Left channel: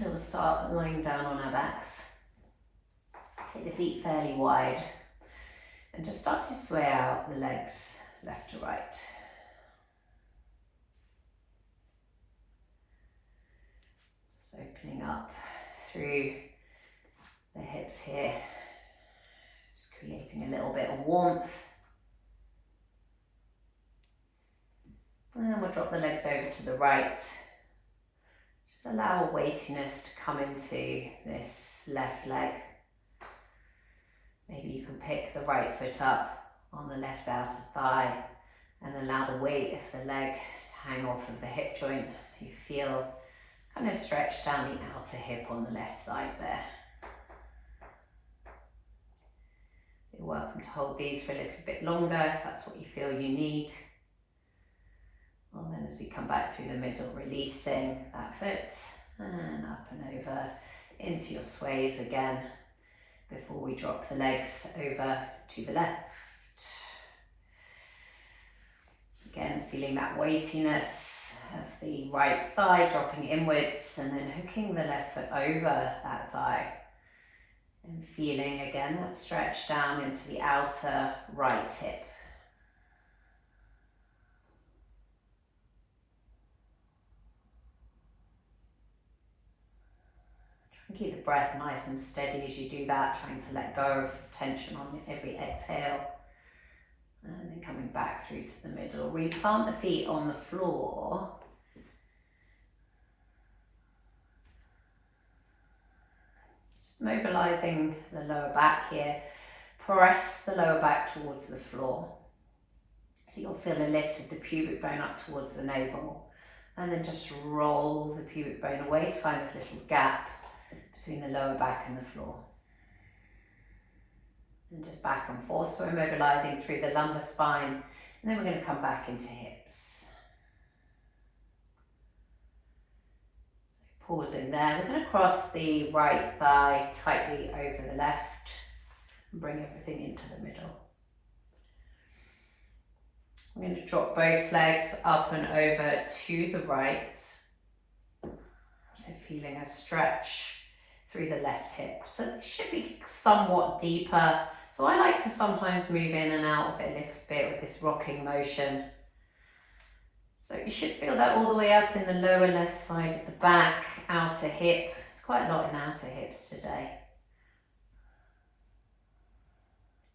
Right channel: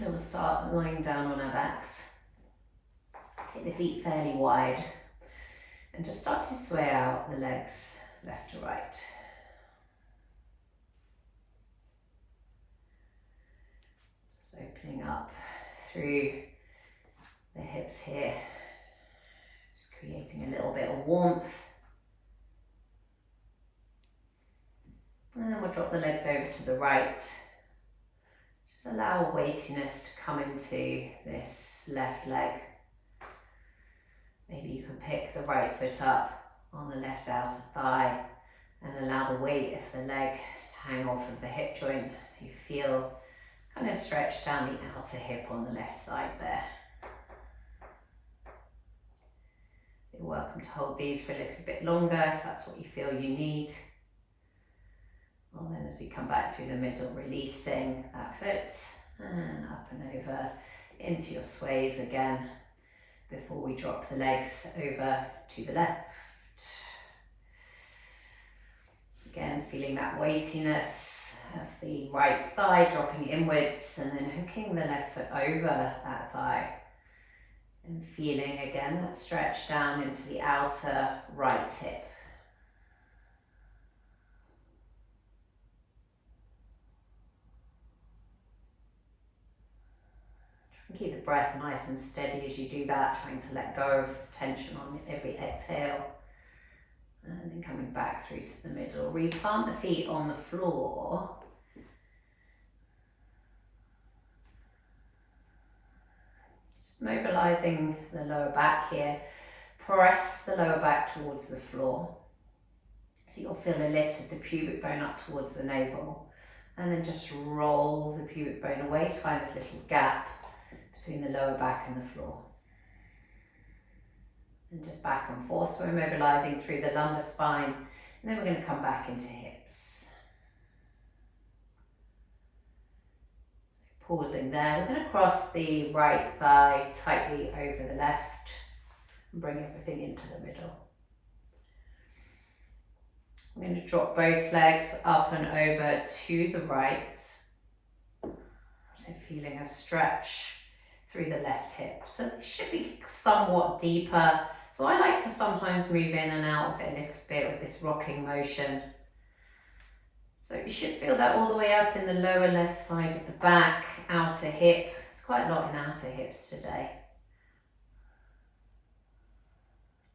So we'll start lying down on our backs. Take the feet fairly wide and just start to sway out the legs left to right. So opening up through the hips here, just creating a little bit of warmth. And then we'll drop the legs over to the right. Just allow weightiness to come into this left leg. Maybe you can pick the right foot up on the left outer thigh and allow the weight of the leg to hang off of the hip joint so you feel kind of stretched down the outer hip on the left side there. So you're welcome to hold these for a little bit longer if that's what you feel you need. Well, then as we come back through the middle, releasing that foot and up and over into your sways again before we drop the legs over to the left. Again, feeling that weightiness of the right thigh dropping inwards and then hooking the left foot over that thigh. And feeling again that stretch down into the outer right hip. Keep the breath nice and steady as you do that, trying to let go of tension on every exhale. And then coming back through to the middle. Replant the feet on the floor. Just mobilizing the lower back here. Press the lower back towards the floor. So you'll feel a lift of the pubic bone up towards the navel. And then just roll the pubic bone away to find this little gap between the lower back and the floor. And just back and forth, so we're mobilizing through the lumbar spine, and then we're going to come back into hips. So pausing there, we're going to cross the right thigh tightly over the left and bring everything into the middle. I'm going to drop both legs up and over to the right, so feeling a stretch through the left hip. So it should be somewhat deeper. So I like to sometimes move in and out of it a little bit with this rocking motion. So you should feel that all the way up in the lower left side of the back, outer hip. There's quite a lot in outer hips today.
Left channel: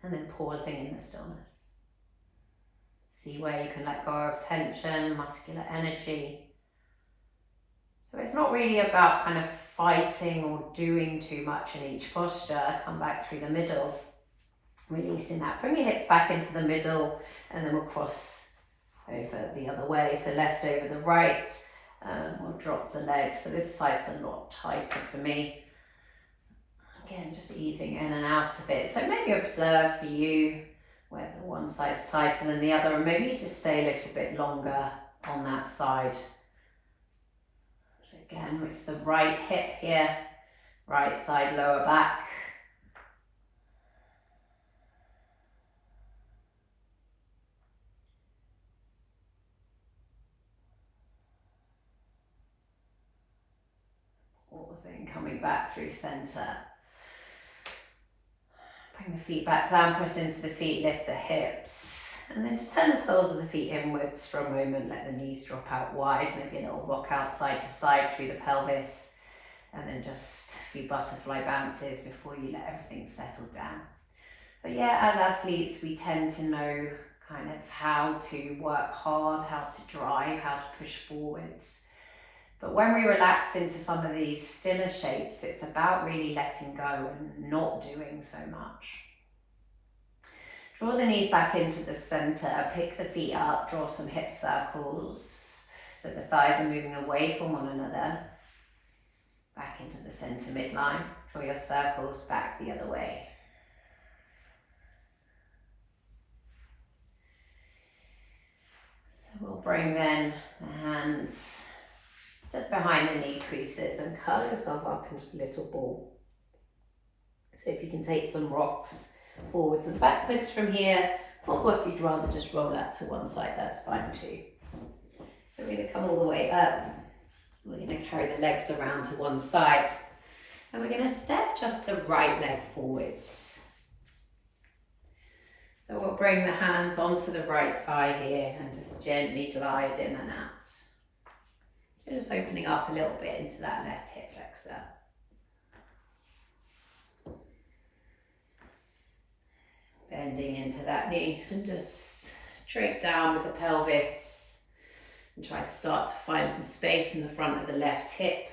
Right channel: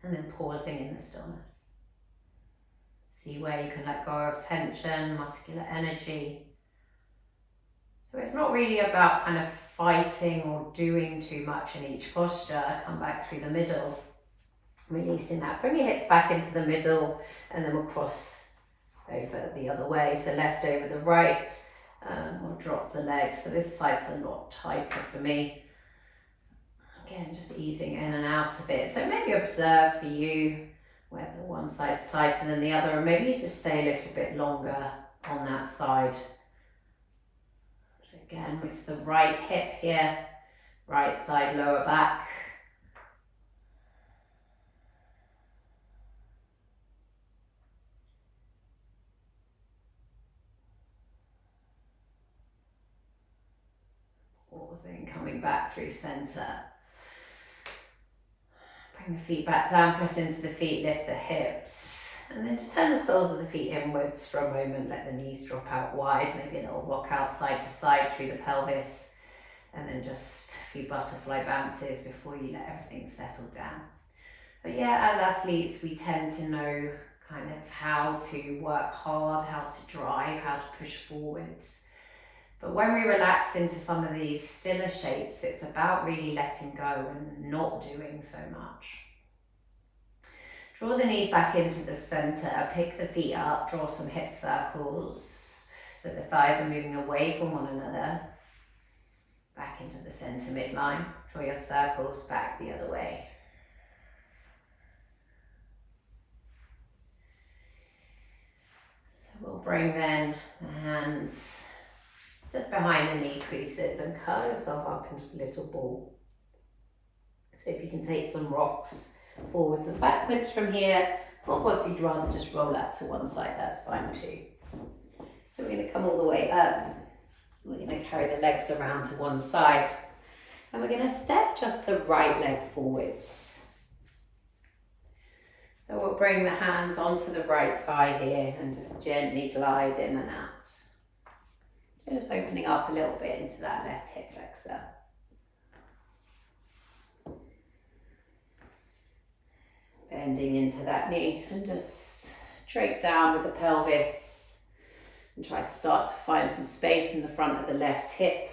And then pausing in the stillness. See where you can let go of tension, muscular energy. So it's not really about kind of fighting or doing too much in each posture. Come back through the middle, releasing that. Bring your hips back into the middle and then we'll cross over the other way. So left over the right, we'll drop the legs. So this side's a lot tighter for me. Again, just easing in and out of it. So maybe observe for you whether one side's tighter than the other, and maybe you just stay a little bit longer on that side. So again, with the right hip here, right side lower back. Pausing, coming back through center. Bring the feet back down, press into the feet, lift the hips. And then just turn the soles of the feet inwards for a moment, let the knees drop out wide, maybe a little rock out side to side through the pelvis, and then just a few butterfly bounces before you let everything settle down. But yeah, as athletes, we tend to know kind of how to work hard, how to drive, how to push forwards. But when we relax into some of these stiller shapes, it's about really letting go and not doing so much. Draw the knees back into the center, pick the feet up, draw some hip circles so the thighs are moving away from one another. Back into the center midline, draw your circles back the other way. So we'll bring then the hands just behind the knee creases and curl yourself up into a little ball. So if you can take some rocks forwards and backwards from here, or if you'd rather just roll out to one side, that's fine too. So we're going to come all the way up We're going to carry the legs around to one side, and we're going to step just the right leg forwards. So we'll bring the hands onto the right thigh here and just gently glide in and out. Just opening up a little bit into that left hip flexor. Bending into that knee and just drape down with the pelvis and try to start to find some space in the front of the left hip.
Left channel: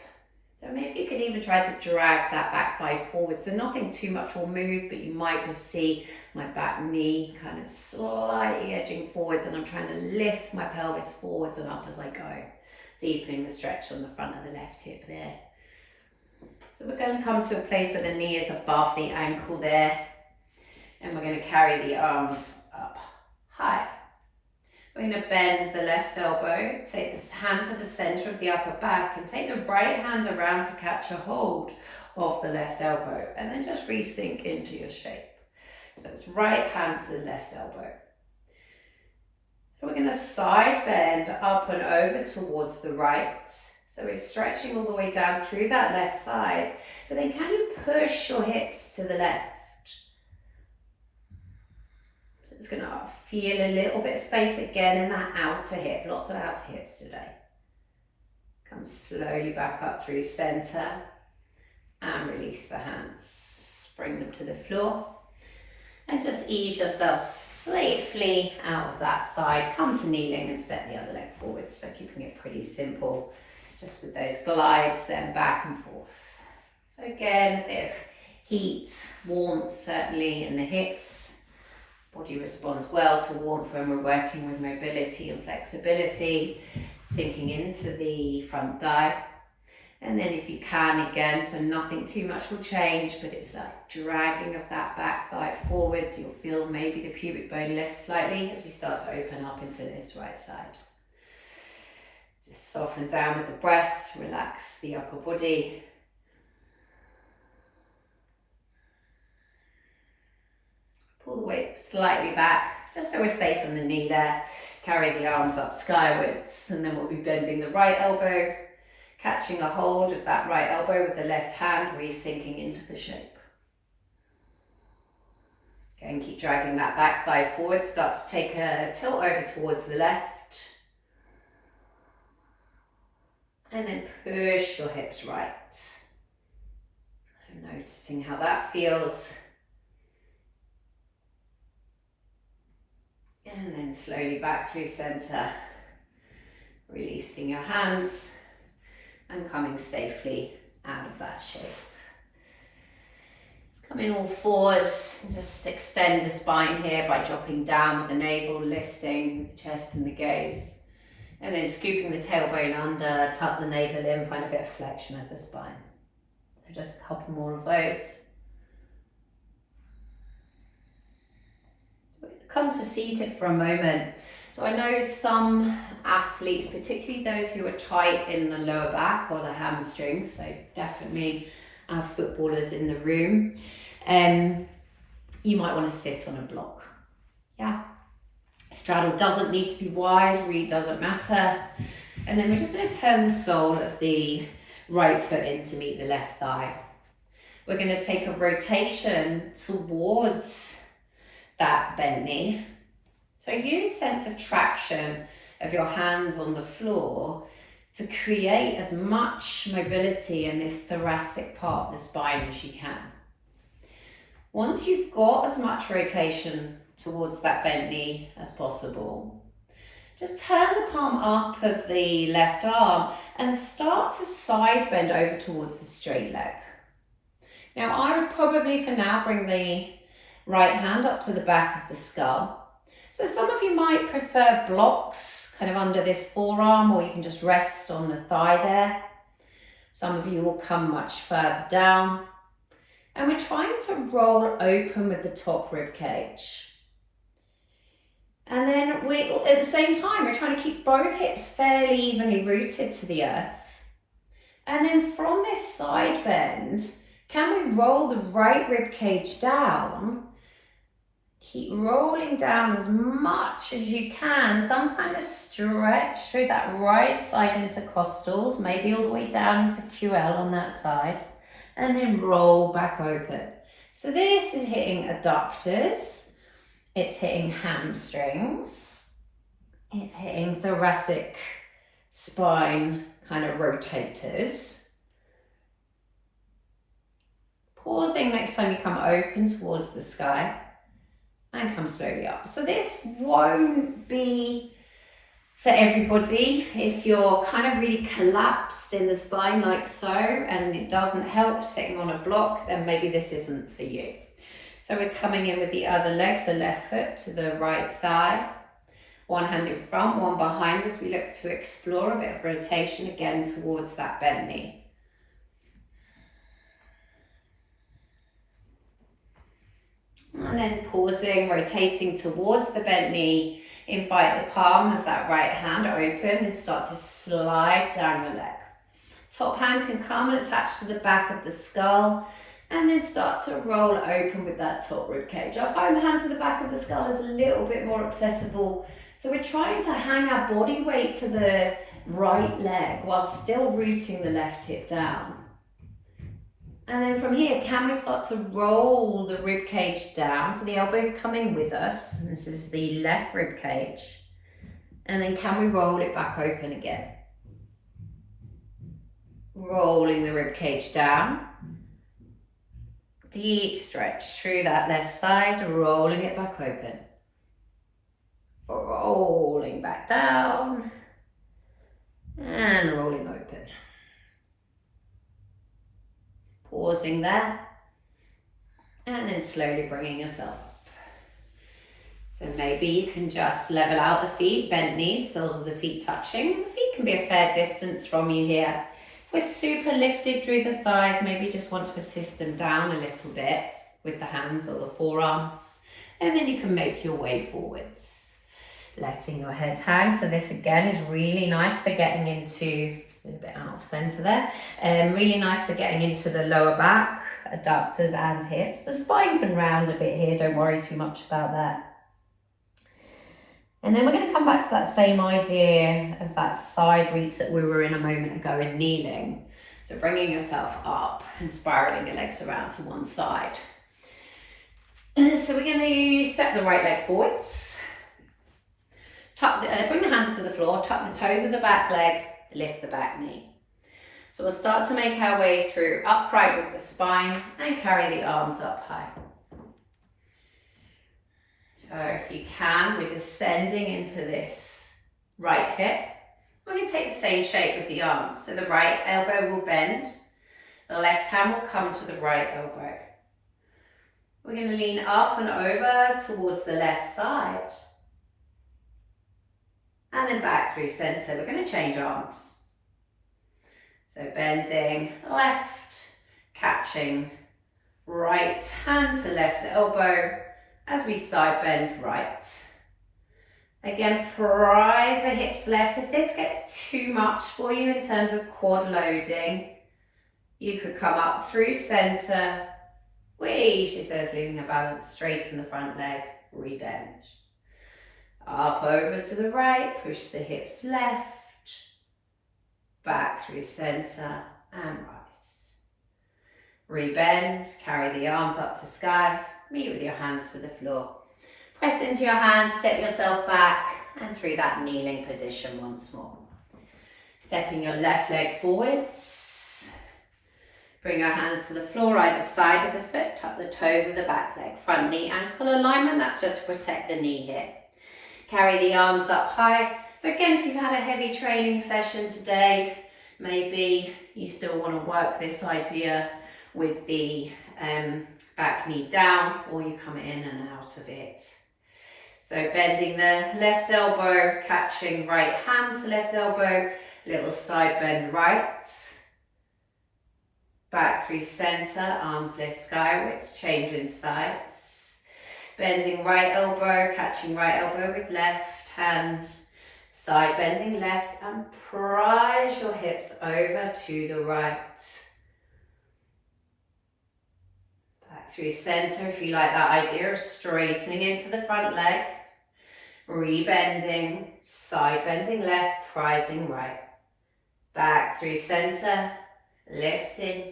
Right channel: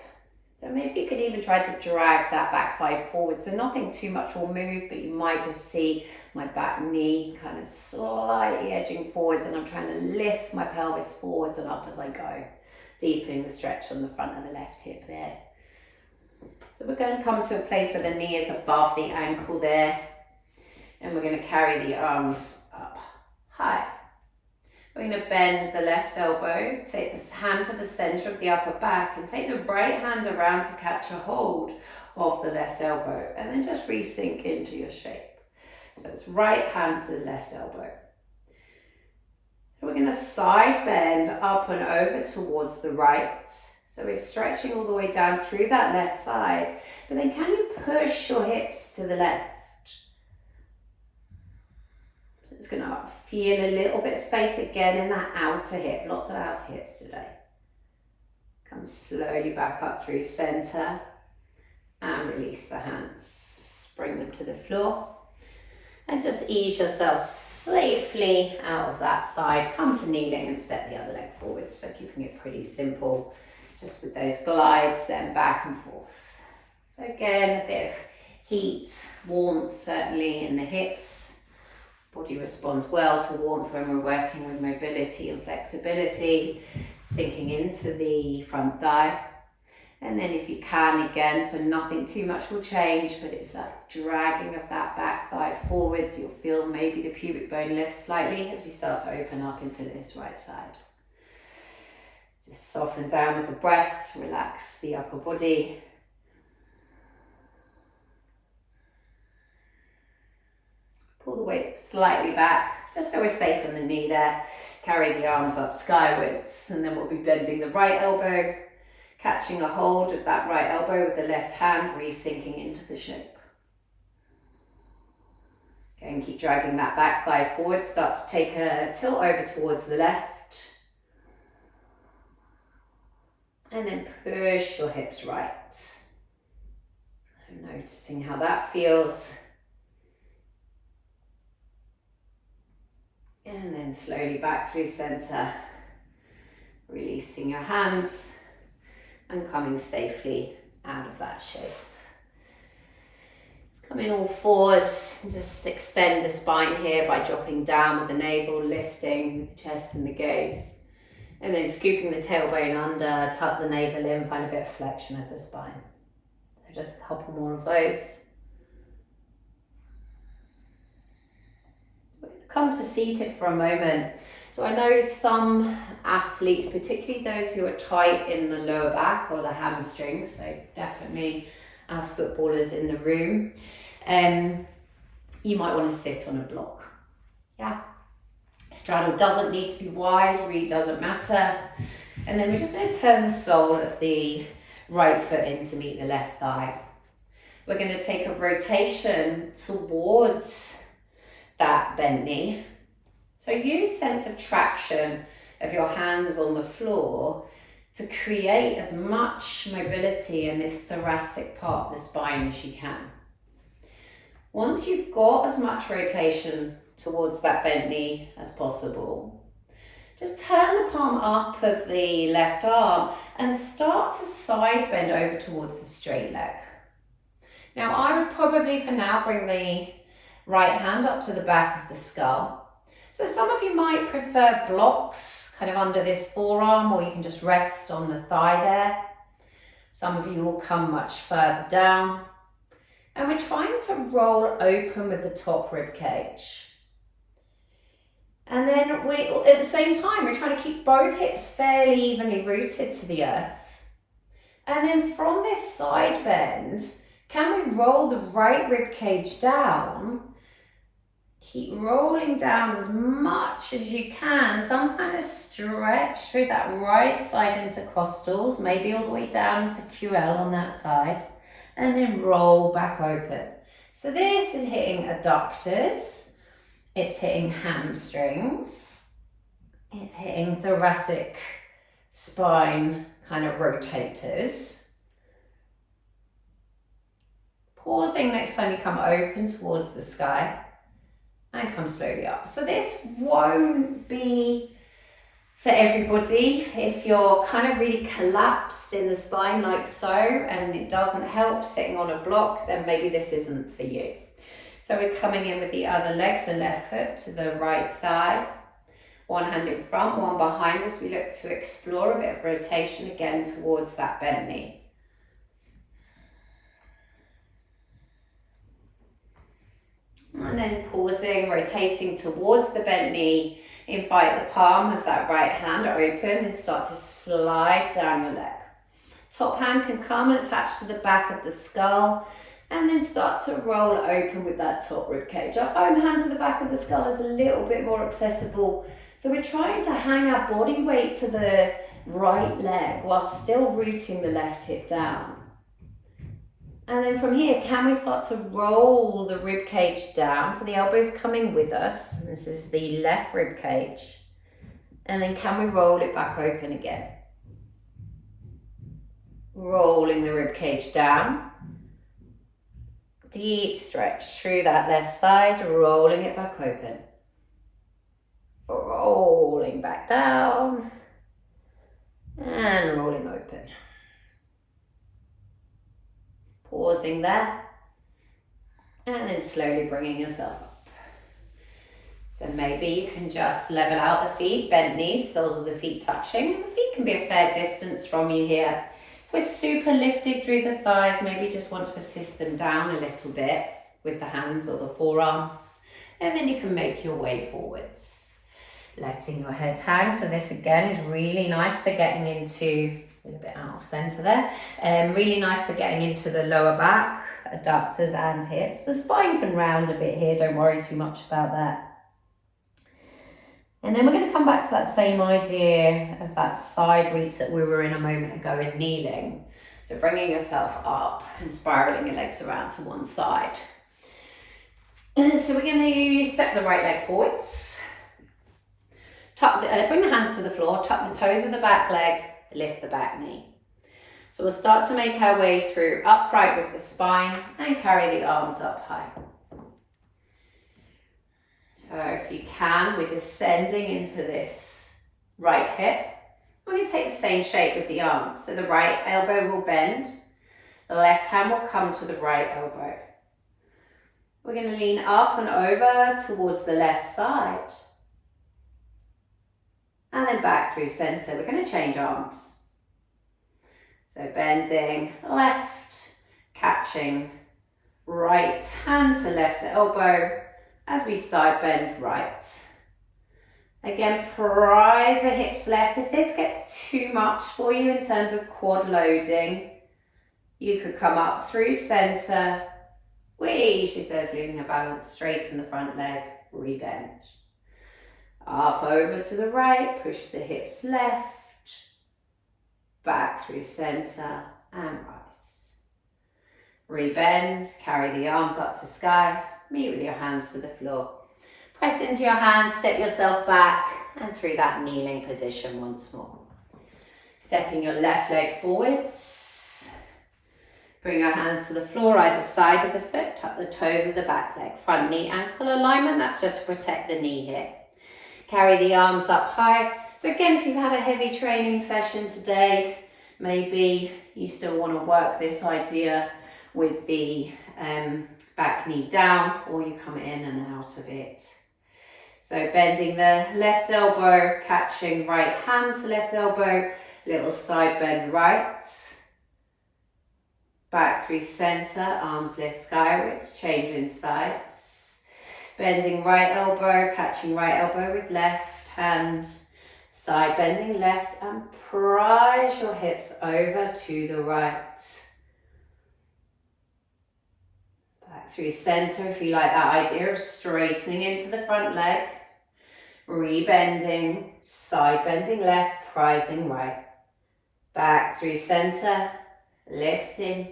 So maybe you could even try to drag that back thigh forward. So nothing too much will move, but you might just see my back knee kind of slightly edging forwards, and I'm trying to lift my pelvis forwards and up as I go, deepening the stretch on the front of the left hip there. So we're going to come to a place where the knee is above the ankle there, and we're going to carry the arms up high. We're going to bend the left elbow, take this hand to the center of the upper back, and take the right hand around to catch a hold of the left elbow, and then just re-sink into your shape. So it's right hand to the left elbow. So we're going to side bend up and over towards the right. So we're stretching all the way down through that left side, but then can you push your hips to the left? So it's going to feel a little bit of space again in that outer hip, lots of outer hips today. Come slowly back up through center and release the hands. Bring them to the floor and just ease yourself safely out of that side. Come to kneeling and step the other leg forward. So keeping it pretty simple, just with those glides, then back and forth. So again, a bit of heat, warmth certainly in the hips. Body responds well to warmth when we're working with mobility and flexibility, sinking into the front thigh. And then if you can, again, so nothing too much will change, but it's like dragging of that back thigh forwards. You'll feel maybe the pubic bone lifts slightly as we start to open up into this right side. Just soften down with the breath, relax the upper body. Pull the weight slightly back, just so we're safe on the knee there. Carry the arms up skywards, and then we'll be bending the right elbow, catching a hold of that right elbow with the left hand, re-sinking into the shape. Again, keep dragging that back thigh forward. Start to take a tilt over towards the left. And then push your hips right. Noticing how that feels. And then slowly back through center, releasing your hands and coming safely out of that shape. Just come in all fours and just extend the spine here by dropping down with the navel, lifting with the chest and the gaze. And then scooping the tailbone under, tuck the navel in, find a bit of flexion of the spine. So just a couple more of those. Come to seated for a moment. So I know some athletes, particularly those who are tight in the lower back or the hamstrings, so definitely our footballers in the room, you might want to sit on a block. Yeah. Straddle doesn't need to be wide, really doesn't matter. And then we're just going to turn the sole of the right foot in to meet the left thigh. We're going to take a rotation towards that bent knee. So use sense of traction of your hands on the floor to create as much mobility in this thoracic part of the spine as you can. Once you've got as much rotation towards that bent knee as possible, just turn the palm up of the left arm and start to side bend over towards the straight leg. Now I would probably for now bring the right hand up to the back of the skull. So some of you might prefer blocks kind of under this forearm, or you can just rest on the thigh there. Some of you will come much further down. And we're trying to roll open with the top rib cage. And then at the same time, we're trying to keep both hips fairly evenly rooted to the earth. And then from this side bend, can we roll the right rib cage down Keep rolling down as much as you can. Some kind of stretch through that right side intercostals, maybe all the way down into QL on that side, and then roll back open. So this is hitting adductors, it's hitting hamstrings, it's hitting thoracic spine kind of rotators. Pausing next time you come open towards the sky and come slowly up. So this won't be for everybody. If you're kind of really collapsed in the spine like so and it doesn't help sitting on a block, then maybe this isn't for you. So we're coming in with the other leg, so left foot to the right thigh, one hand in front, one behind us. We look to explore a bit of rotation again towards that bent knee. And then pausing, rotating towards the bent knee. Invite the palm of that right hand open and start to slide down your leg. Top hand can come and attach to the back of the skull and then start to roll open with that top rib cage. I find the hand to the back of the skull is a little bit more accessible. So we're trying to hang our body weight to the right leg while still rooting the left hip down. And then from here, can we start to roll the rib cage down? So the elbow's coming with us. This is the left rib cage. And then can we roll it back open again? Rolling the rib cage down. Deep stretch through that left side, rolling it back open. Rolling back down. And rolling open. Pausing there, and then slowly bringing yourself up. So maybe you can just level out the feet, bent knees, soles of the feet touching. The feet can be a fair distance from you here. If we're super lifted through the thighs, maybe just want to assist them down a little bit with the hands or the forearms, and then you can make your way forwards. Letting your head hang. So this again is really nice for getting into a little bit out of center there. Really nice for getting into the lower back, adductors and hips. The spine can round a bit here, don't worry too much about that. And then we're going to come back to that same idea of that side reach that we were in a moment ago in kneeling. So bringing yourself up and spiraling your legs around to one side. So we're going to step the right leg forwards. Bring the hands to the floor, tuck the toes of the back leg, lift the back knee. So we'll start to make our way through upright with the spine and carry the arms up high. So if you can, we're descending into this right hip. We're going to take the same shape with the arms. So the right elbow will bend, the left hand will come to the right elbow. We're going to lean up and over towards the left side. And then back through center. We're going to change arms. So bending left, catching right hand to left elbow as we side bend right. Again, prise the hips left. If this gets too much for you in terms of quad loading, you could come up through center. Whee, she says, losing her balance, straighten the front leg, rebend. Up over to the right, push the hips left, back through center and rise. Rebend, carry the arms up to sky, meet with your hands to the floor. Press into your hands, step yourself back and through that kneeling position once more. Stepping your left leg forwards. Bring your hands to the floor, either side of the foot, tuck the toes of the back leg. Front knee ankle alignment, that's just to protect the knee here. Carry the arms up high. So again, if you've had a heavy training session today, maybe you still want to work this idea with the back knee down, or you come in and out of it. So bending the left elbow, catching right hand to left elbow, little side bend right. Back through center, arms lift skywards, changing sides. Bending right elbow, catching right elbow with left hand. Side bending left and prise your hips over to the right. Back through center if you like that idea of straightening into the front leg. Rebending, side bending left, prising right. Back through center, lifting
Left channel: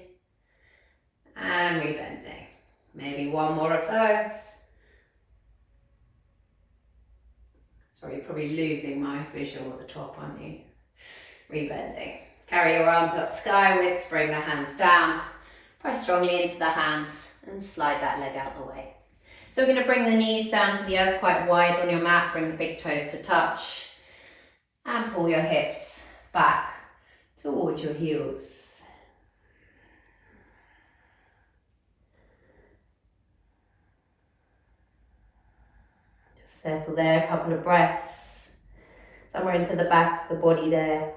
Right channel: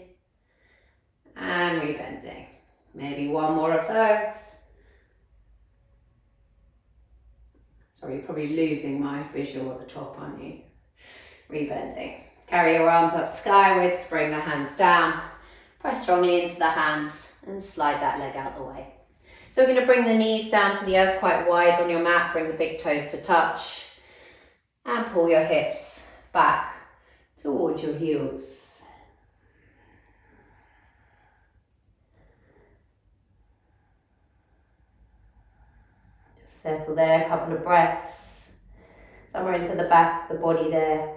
and rebending. Maybe one more of those. Sorry, you're probably losing my visual at the top, aren't you? Rebending. Carry your arms up skywards, bring the hands down. Press strongly into the hands and slide that leg out the way. So we're going to bring the knees down to the earth quite wide on your mat. Bring the big toes to touch. And pull your hips back towards your heels. Just settle there, a couple of breaths. Somewhere into the back of the body there.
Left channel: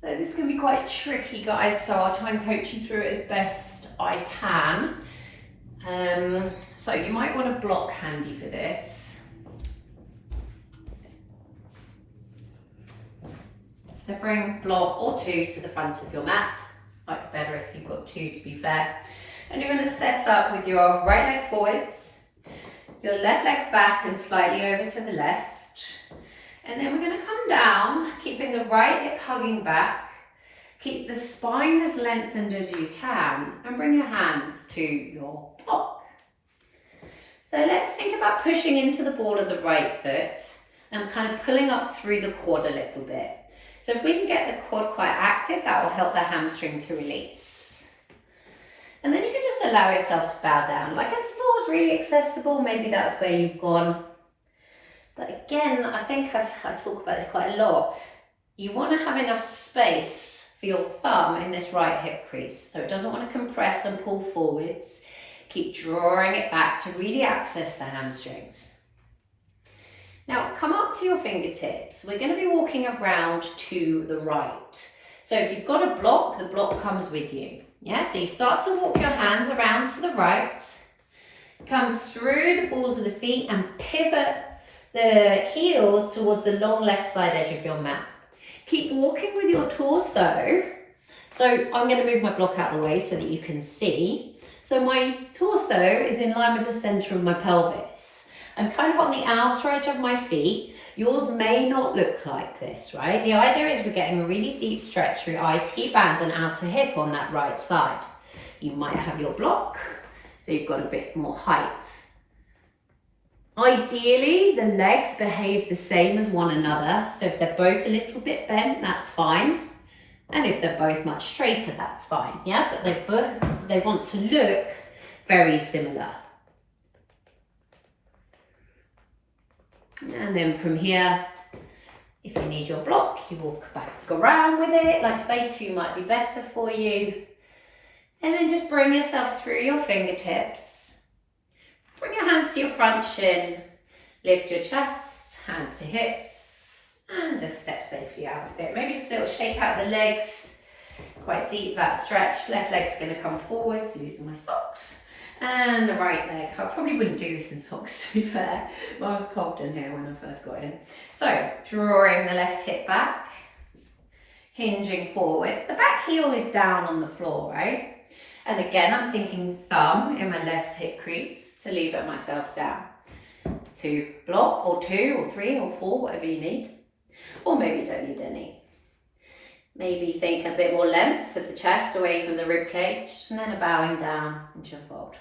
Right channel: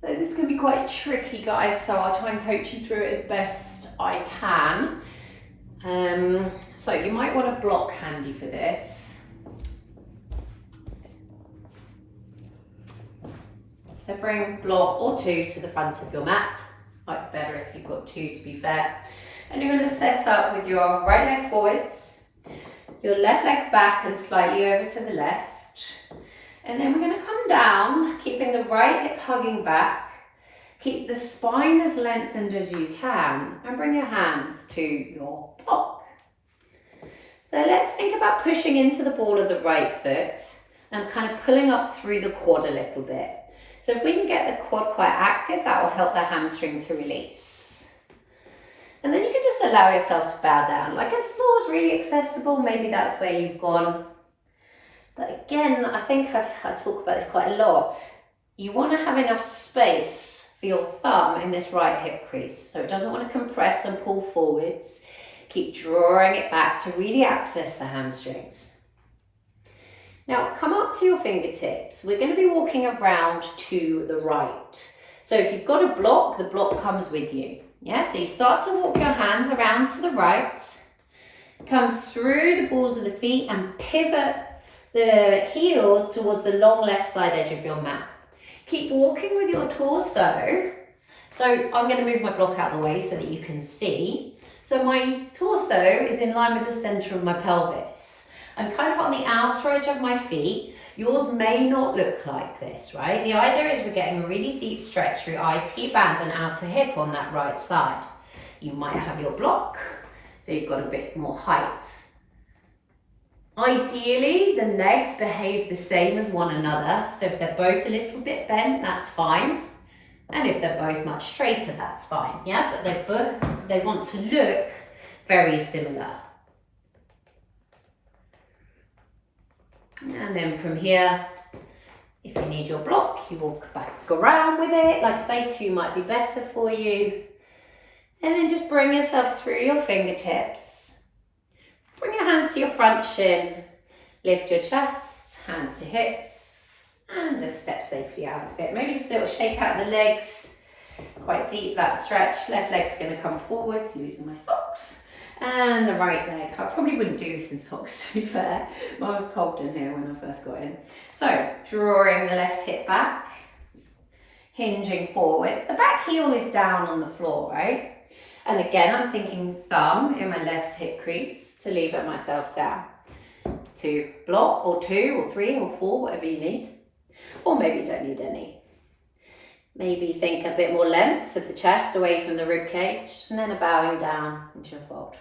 So this can be quite tricky, guys, so I'll try and coach you through it as best I can. So you might want a block handy for this. So bring block or two to the front of your mat. Might be better if you've got two, to be fair. And you're going to set up with your right leg forwards, your left leg back and slightly over to the left. And then we're going to come down, keeping the right hip hugging back. Keep the spine as lengthened as you can and bring your hands to your block. So let's think about pushing into the ball of the right foot and kind of pulling up through the quad a little bit. So if we can get the quad quite active, that will help the hamstring to release. And then you can just allow yourself to bow down. Like if the floor is really accessible, maybe that's where you've gone. But again, I think I talk about this quite a lot. You want to have enough space for your thumb in this right hip crease. So it doesn't want to compress and pull forwards. Keep drawing it back to really access the hamstrings. Now come up to your fingertips. We're going to be walking around to the right. So if you've got a block, the block comes with you. Yeah, so you start to walk your hands around to the right. Come through the balls of the feet and pivot the heels towards the long left side edge of your mat. Keep walking with your torso. So I'm going to move my block out of the way so that you can see. So my torso is in line with the center of my pelvis. I'm kind of on the outer edge of my feet. Yours may not look like this, right? The idea is we're getting a really deep stretch through IT band and outer hip on that right side. You might have your block, so you've got a bit more height. Ideally, the legs behave the same as one another. So if they're both a little bit bent, that's fine. And if they're both much straighter, that's fine. Yeah, but they want to look very similar. And then from here, if you need your block, you walk back around with it. Like I say, two might be better for you. And then just bring yourself through your fingertips. Bring your hands to your front shin, lift your chest, hands to hips, and just step safely out of it. Maybe just a little shake out of the legs. It's quite deep, that stretch. Left leg's going to come forwards, using my socks. And the right leg. I probably wouldn't do this in socks, to be fair. Mine was cold in here when I first got in. So, drawing the left hip back, hinging forwards. The back heel is down on the floor, right? And again, I'm thinking thumb in my left hip crease to lever myself down to block or two or three or four, whatever you need. Or maybe you don't need any. Maybe think a bit more length of the chest away from the rib cage and then a bowing down into your fold.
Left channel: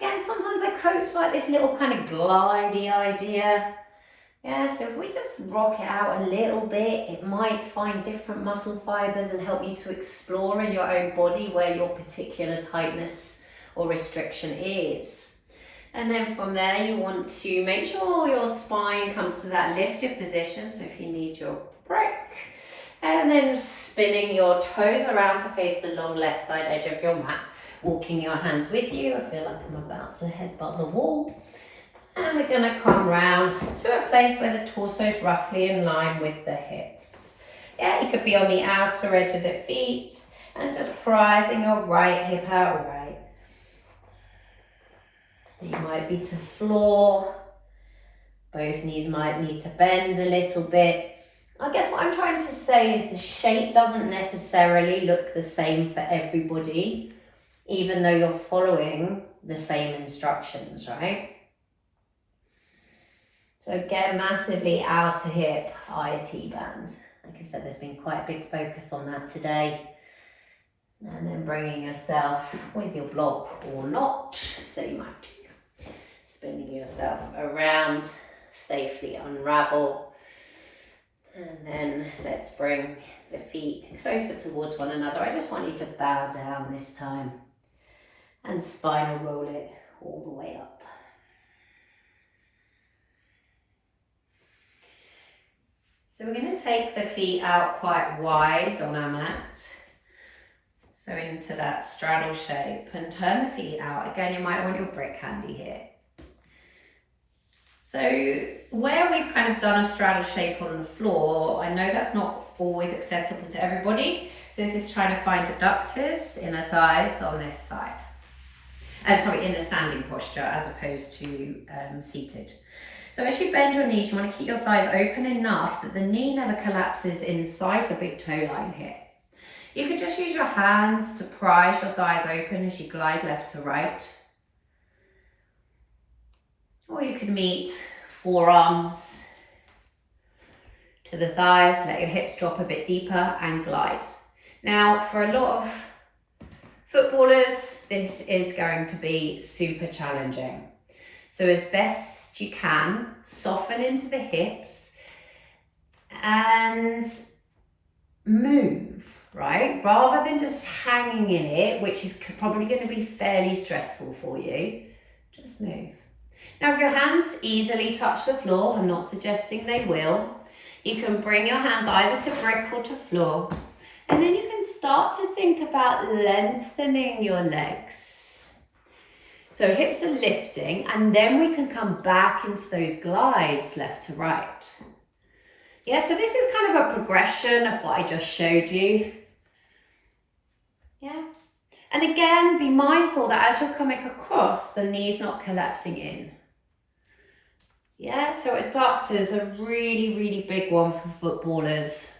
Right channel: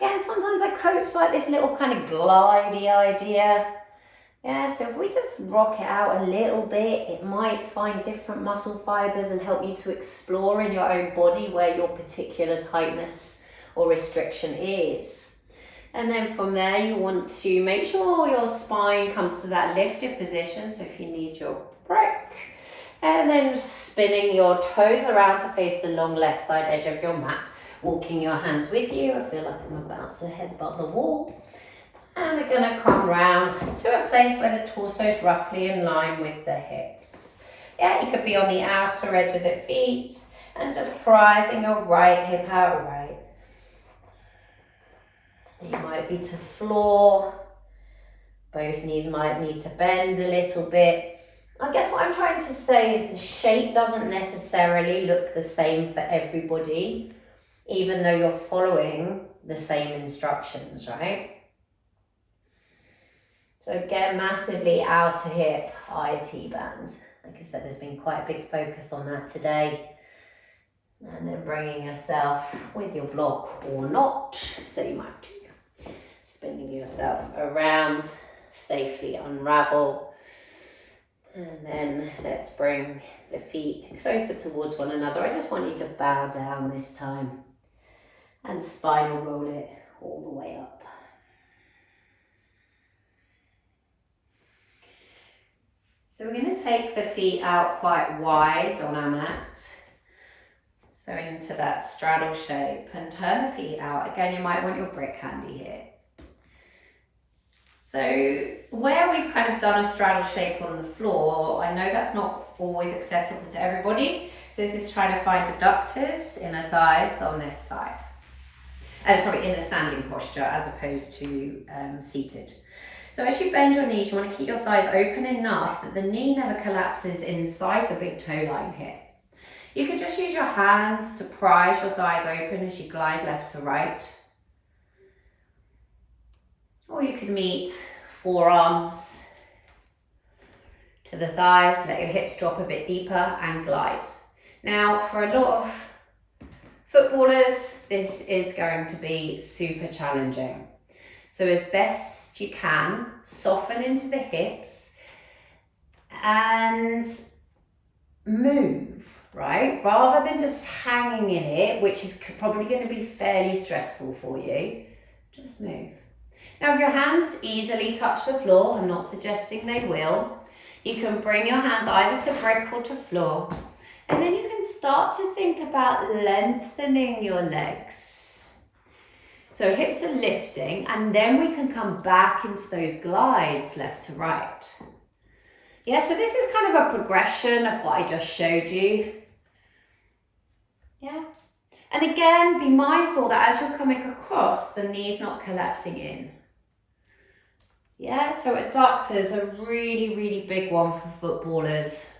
Again, sometimes I coach like this little kind of glidey idea. Yeah, so if we just rock it out a little bit, it might find different muscle fibers and help you to explore in your own body where your particular tightness or restriction is. And then from there, you want to make sure your spine comes to that lifted position. So if you need your break, and then spinning your toes around to face the long left side edge of your mat, walking your hands with you. I feel like I'm about to headbutt the wall. And we're going to come round to a place where the torso is roughly in line with the hips. Yeah, you could be on the outer edge of the feet and just prising your right hip out right. You might be to floor, Both knees might need to bend a little bit. I guess what I'm trying to say is the shape doesn't necessarily look the same for everybody, even though you're following the same instructions, right? So again, massively outer hip, IT bands. Like I said, there's been quite a big focus on that today. And then bringing yourself with your block or not. So you might be spinning yourself around, safely unravel. And then let's bring the feet closer towards one another. I just want you to bow down this time and spinal roll it all the way up. So we're going to take the feet out quite wide on our mat. So into that straddle shape, and turn the feet out. Again, you might want your brick handy here. So where we've kind of done a straddle shape on the floor, I know that's not always accessible to everybody. So this is trying to find adductors, inner thighs on this side. In the standing posture as opposed to seated. So as you bend your knees, you want to keep your thighs open enough that the knee never collapses inside the big toe line here. You can just use your hands to prise your thighs open as you glide left to right. Or you could meet forearms to the thighs, let your hips drop a bit deeper and glide. Now, for a lot of footballers, this is going to be super challenging. So as best you can, soften into the hips and move, right? Rather than just hanging in it, which is probably going to be fairly stressful for you, just move. Now, if your hands easily touch the floor, I'm not suggesting they will, you can bring your hands either to brick or to floor, and then you can start to think about lengthening your legs. So hips are lifting, and then we can come back into those glides left to right. Yeah, so this is kind of a progression of what I just showed you. Yeah. And again, be mindful that as you're coming across, the knee's not collapsing in. Yeah, so adductors are really, really big one for footballers.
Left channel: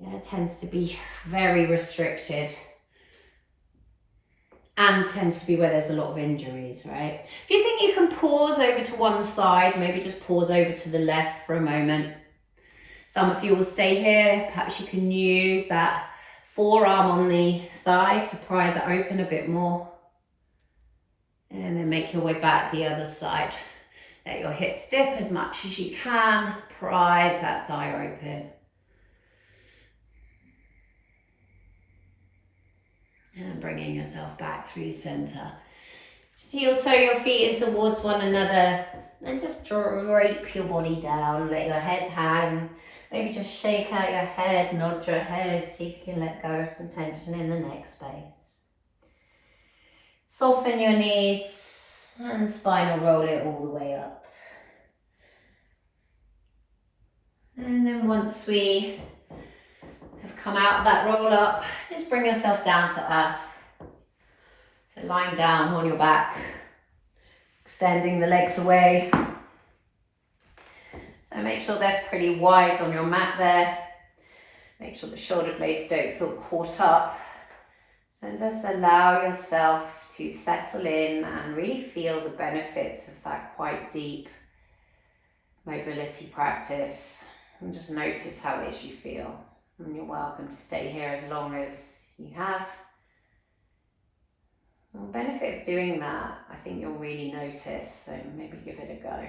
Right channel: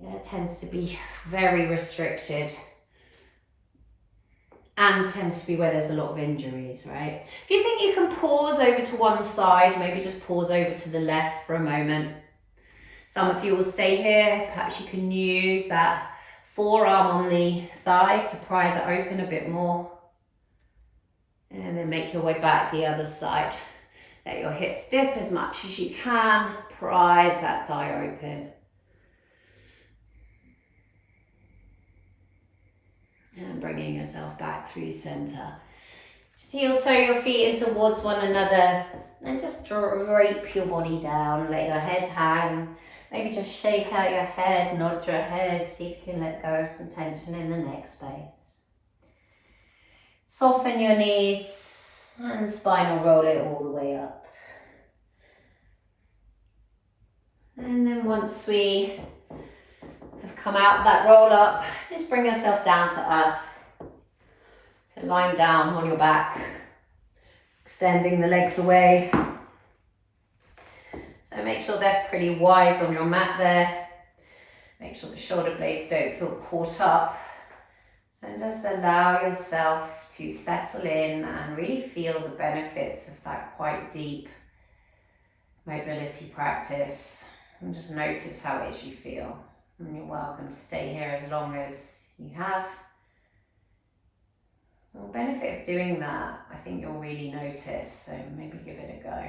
Yeah, it tends to be very restricted and tends to be where there's a lot of injuries, right? If you think you can pause over to one side, maybe just pause over to the left for a moment. Some of you will stay here. Perhaps you can use that forearm on the thigh to prise it open a bit more. And then make your way back the other side. Let your hips dip as much as you can. Prise that thigh open. And bringing yourself back through center. Just heel toe your feet in towards one another. And just drape your body down. Let your head hang. Maybe just shake out your head, nod your head. See if you can let go of some tension in the neck space. Soften your knees and spinal roll it all the way up. And then once we have come out of that roll up, just bring yourself down to earth. So lying down on your back, extending the legs away. So make sure they're pretty wide on your mat there. Make sure the shoulder blades don't feel caught up. And just allow yourself to settle in and really feel the benefits of that quite deep mobility practice. And just notice how it is you feel. And you're welcome to stay here as long as you have. The benefit of doing that, I think you'll really notice, so maybe give it a go.